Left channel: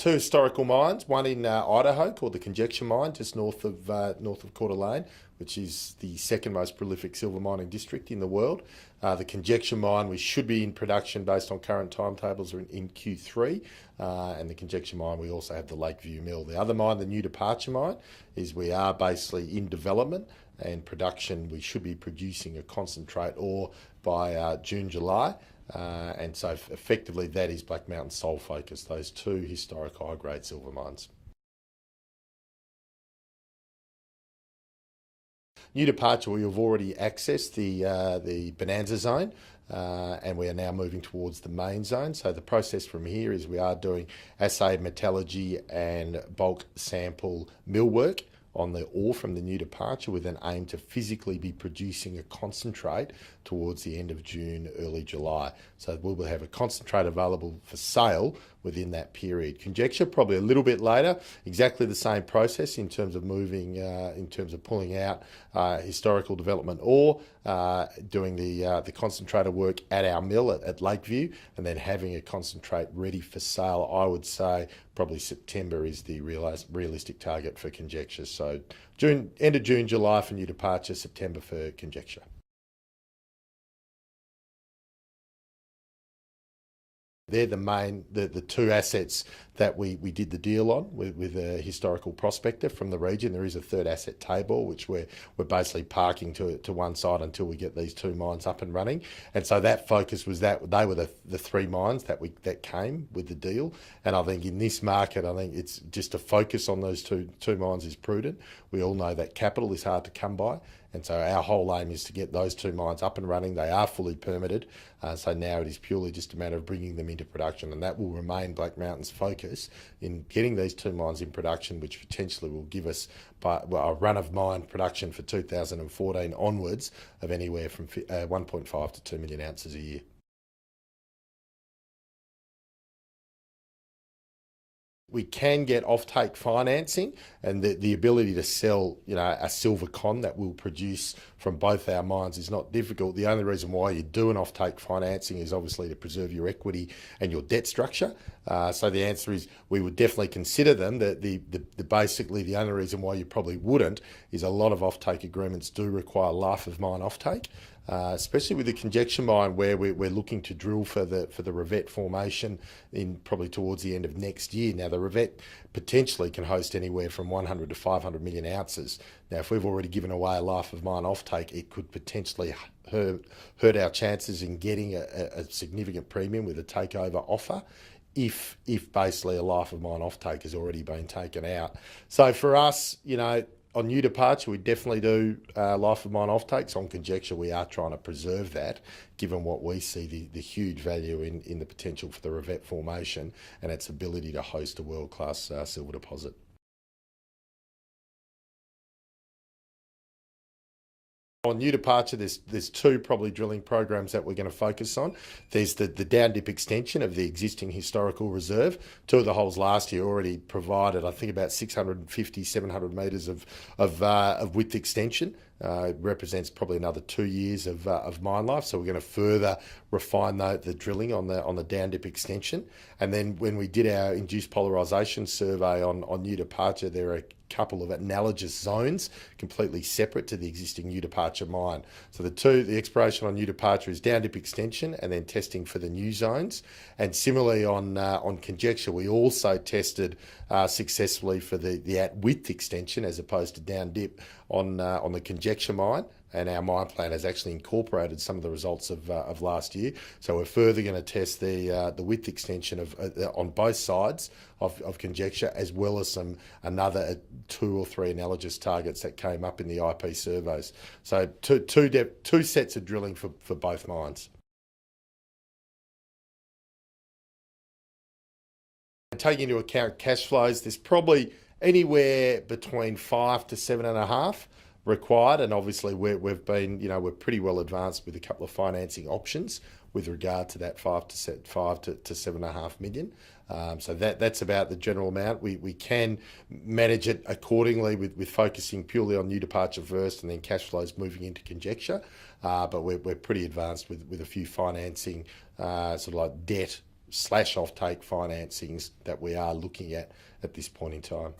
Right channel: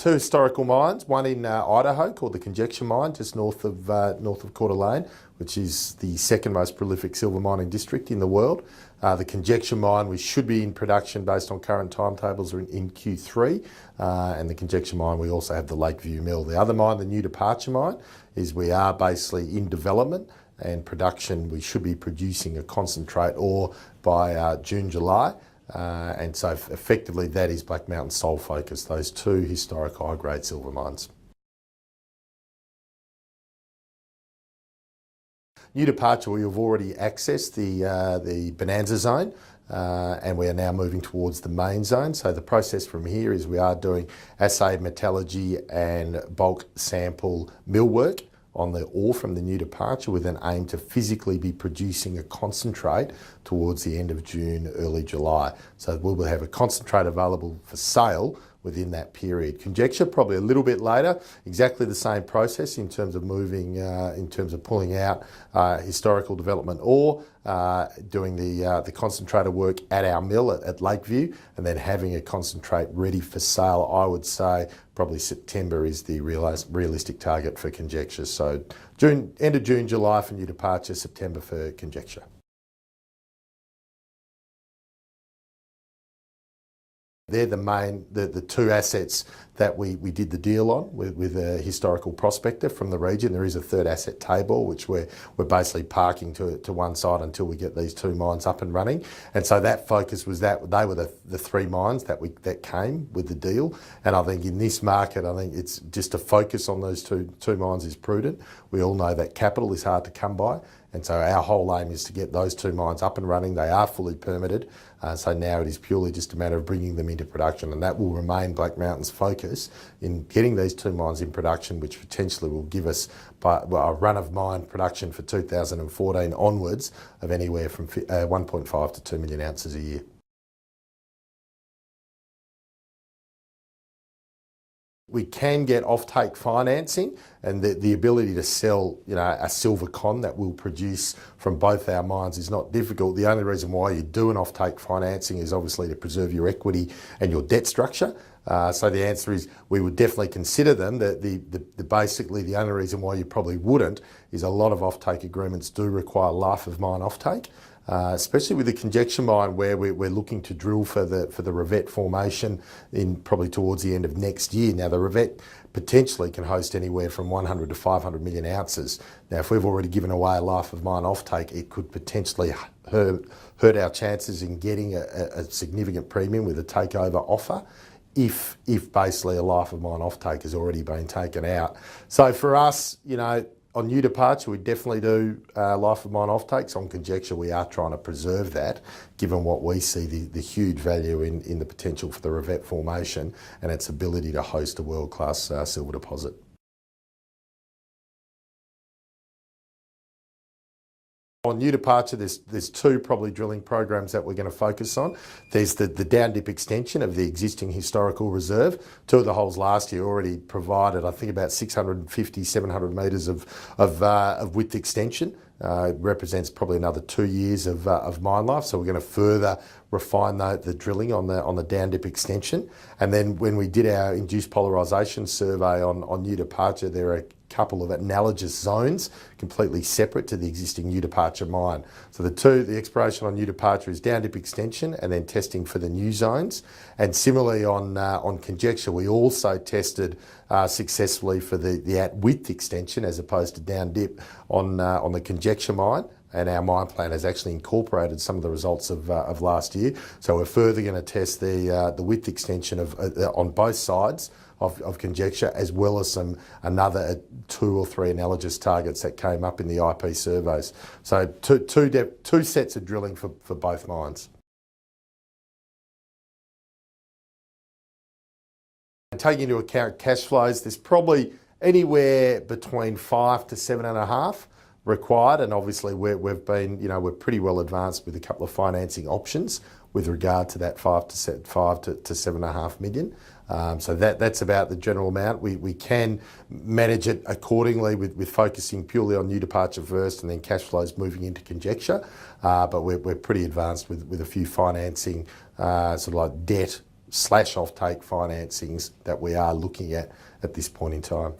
two historical mines, one in Idaho called the Conjecture Mine, just north of Coeur d'Alene, which is the second most prolific silver mining district in the world. The Conjecture Mine, we should be in production based on current timetables in Q3. And the Conjecture Mine, we also have the Lakeview Mill. The other mine, the New Departure Mine, is we are basically in development and production. We should be producing a concentrate ore by June, July. And so effectively that is Black Mountain sole focus, those two historic high-grade silver mines. New Departure, we have already accessed the Bonanza Zone, and we are now moving towards the main zone. So the process from here is we are doing assay metallurgy and bulk sample mill work on the ore from the New Departure with an aim to physically be producing a concentrate towards the end of June, early July. So we will have a concentrate available for sale within that period. Conjecture, probably a little bit later, exactly the same process in terms of moving, in terms of pulling out historical development ore, doing the concentrator work at our mill at Lakeview, and then having a concentrate ready for sale. I would say probably September is the realistic target for Conjecture. So end of June, July for New Departure, September for Conjecture. They're the two assets that we did the deal on with a historical prospector from the region. There is a third asset, Tabor, which we're basically parking to one side until we get these two mines up and running. And so that focus was that they were the three mines that came with the deal. And I think in this market, I think it's just to focus on those two mines is prudent. We all know that capital is hard to come by. And so our whole aim is to get those two mines up and running. They are fully permitted. So now it is purely just a matter of bringing them into production. And that will remain Black Mountain's focus in getting these two mines in production, which potentially will give us a run of mine production for 2014 onwards of anywhere from 1.5 to 2 million ounces a year. We can get offtake financing, and the ability to sell, a silver con that we'll produce from both our mines is not difficult. The only reason why you do an offtake financing is obviously to preserve your equity and your debt structure. So the answer is we would definitely consider them. Basically the only reason why you probably wouldn't is a lot of offtake agreements do require life of mine offtake. Especially with the Conjecture Mine, where we're looking to drill for the Revette formation in probably towards the end of next year. Now, the Revette potentially can host anywhere from 100 to 500 million ounces. Now, if we've already given away a life of mine offtake, it could potentially hurt our chances in getting a significant premium with a takeover offer if basically a life of mine offtake has already been taken out. So for us, on New Departure, we definitely do life of mine offtakes. On Conjecture, we are trying to preserve that, given what we see the huge value in the potential for the Revette formation and its ability to host a world-class silver deposit. On New Departure, there's two probably drilling programs that we're going to focus on. There's the down dip extension of the existing historical reserve. Two of the holes last year already provided, I think, about 650, 700 metres of width extension. It represents probably another 2 years of mine life. So we're going to further refine the drilling on the down dip extension. And then when we did our induced polarisation survey on New Departure, there are a couple of analogous zones completely separate to the existing New Departure mine. So the exploration on New Departure is down dip extension and then testing for the new zones. And similarly on Conjecture, we also tested successfully for the at width extension as opposed to down dip on the Conjecture mine. And our mine plan has actually incorporated some of the results of last year. So we're further going to test the width extension on both sides of Conjecture, as well as another 2 or 3 analogous targets that came up in the IP surveys. So two sets of drilling for both mines. Taking into account cash flows, there's probably anywhere between 5 to 7.5 required, and obviously we've been, we're pretty well advanced with a couple of financing options with regard to that 5 to 7.5 million. So that's about the general amount. We can manage it accordingly with focusing purely on New Departure first and then cash flows moving into Conjecture. But we're pretty advanced with a few financing sort of like debt off-take financings that we are looking at this point in time.